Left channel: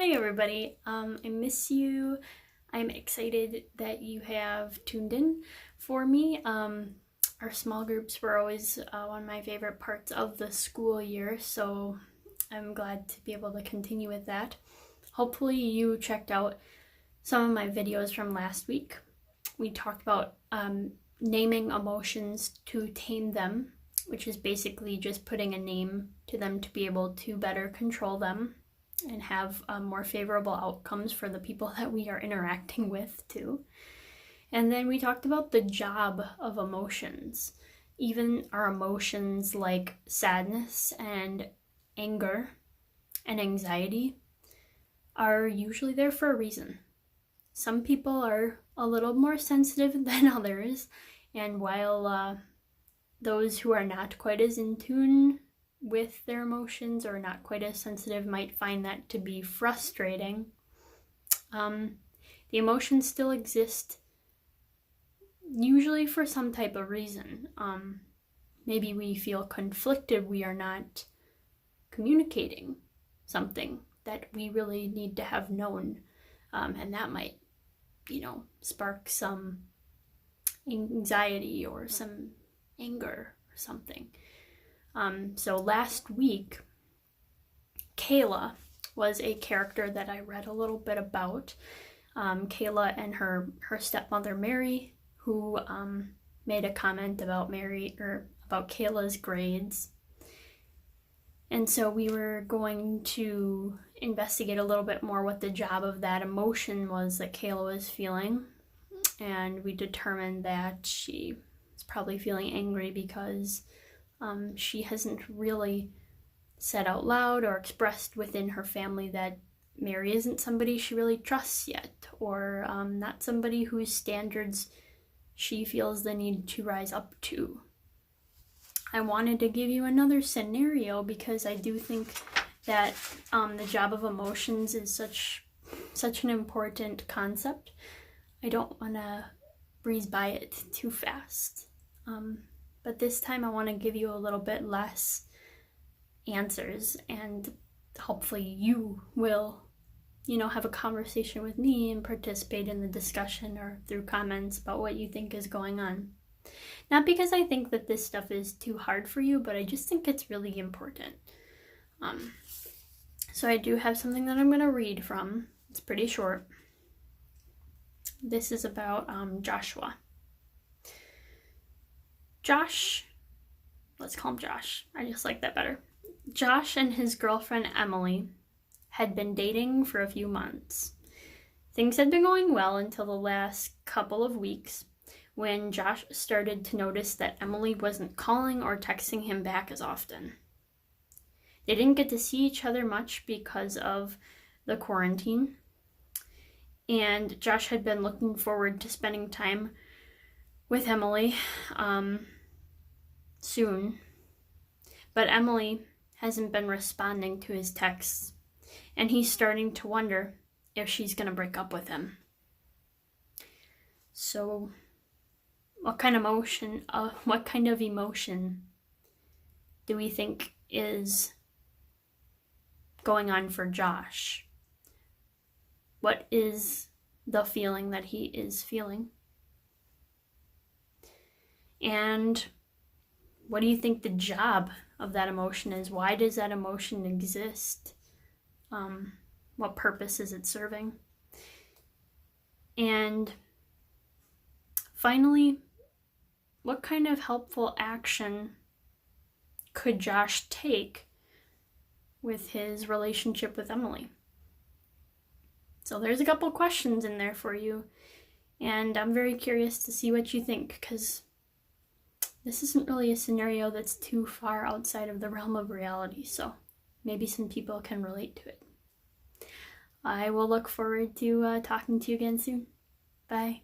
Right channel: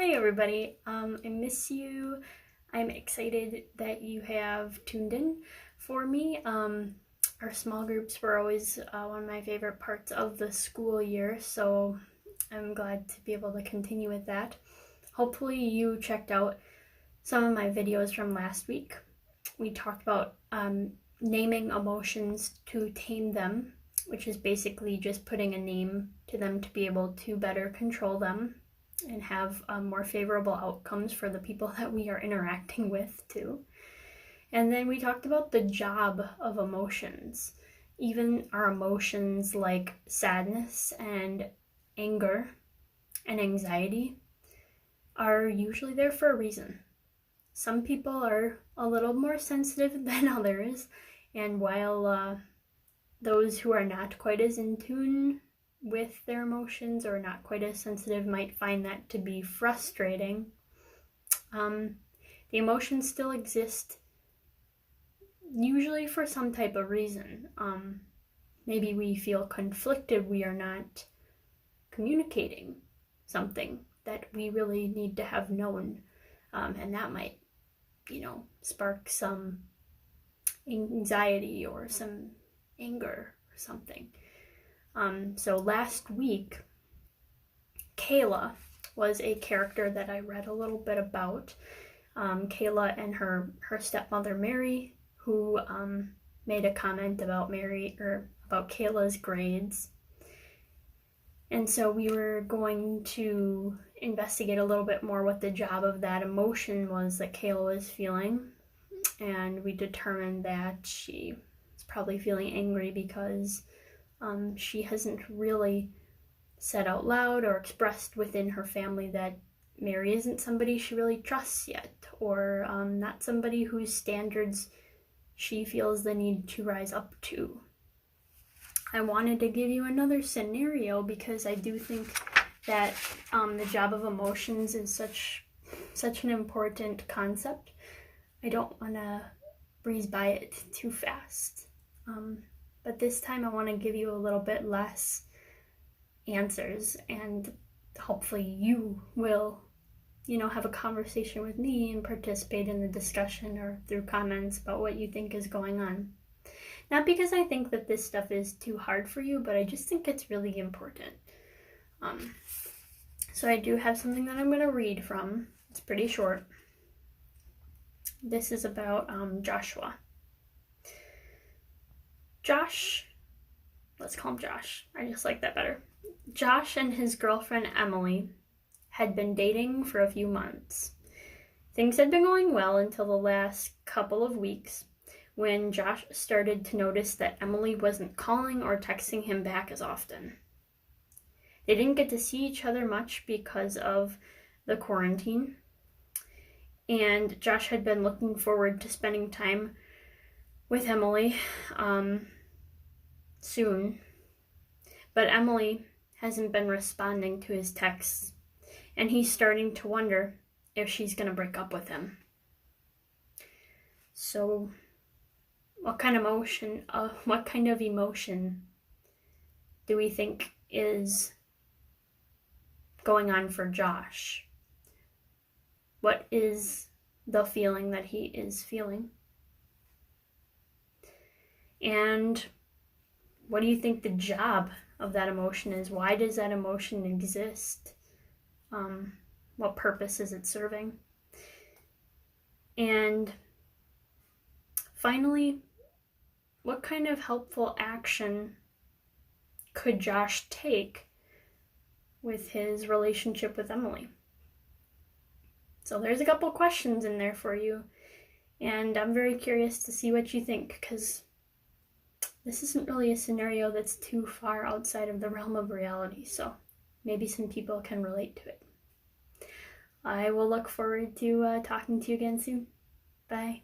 Hi everybody, I miss you. I'm excited that you have tuned in for me. Our small groups were always one of my favorite parts of the school year, so I'm glad to be able to continue with that. Hopefully you checked out some of my videos from last week. We talked about naming emotions to tame them, which is basically just putting a name to them to be able to better control them and have more favorable outcomes for the people that we are interacting with too. And then we talked about the job of emotions. Even our emotions like sadness and anger and anxiety are usually there for a reason. Some people are a little more sensitive than others, and while those who are not quite as in tune with their emotions or not quite as sensitive might find that to be frustrating, the emotions still exist, usually for some type of reason. Maybe we feel conflicted, we are not communicating something that we really need to have known, and that might, spark some anxiety or some anger or something. So last week, Kayla was a character that I read a little bit about. Kayla and her stepmother Mary, who made a comment about Kayla's grades. And so we were going to investigate a little bit more what the job of that emotion was that Kayla was feeling. And we determined that she was probably feeling angry because she hasn't really said out loud or expressed within her family that Mary isn't somebody she really trusts yet, or not somebody whose standards she feels the need to rise up to. I wanted to give you another scenario because I do think that the job of emotions is such an important concept. I don't want to breeze by it too fast. But this time I want to give you a little bit less answers, and hopefully you will, have a conversation with me and participate in the discussion or through comments about what you think is going on. Not because I think that this stuff is too hard for you, but I just think it's really important. So I do have something that I'm going to read from. It's pretty short. This is about Joshua. Josh, let's call him Josh. I just like that better. Josh and his girlfriend Emily had been dating for a few months. Things had been going well until the last couple of weeks when Josh started to notice that Emily wasn't calling or texting him back as often. They didn't get to see each other much because of the quarantine, and Josh had been looking forward to spending time with Emily soon, but Emily hasn't been responding to his texts, and he's starting to wonder if she's going to break up with him. So what kind of emotion do we think is going on for Josh? What is the feeling that he is feeling? And what do you think the job of that emotion is? Why does that emotion exist? What purpose is it serving? And finally, what kind of helpful action could Josh take with his relationship with Emily? So there's a couple questions in there for you, and I'm very curious to see what you think, because this isn't really a scenario that's too far outside of the realm of reality, so maybe some people can relate to it. I will look forward to talking to you again soon. Bye.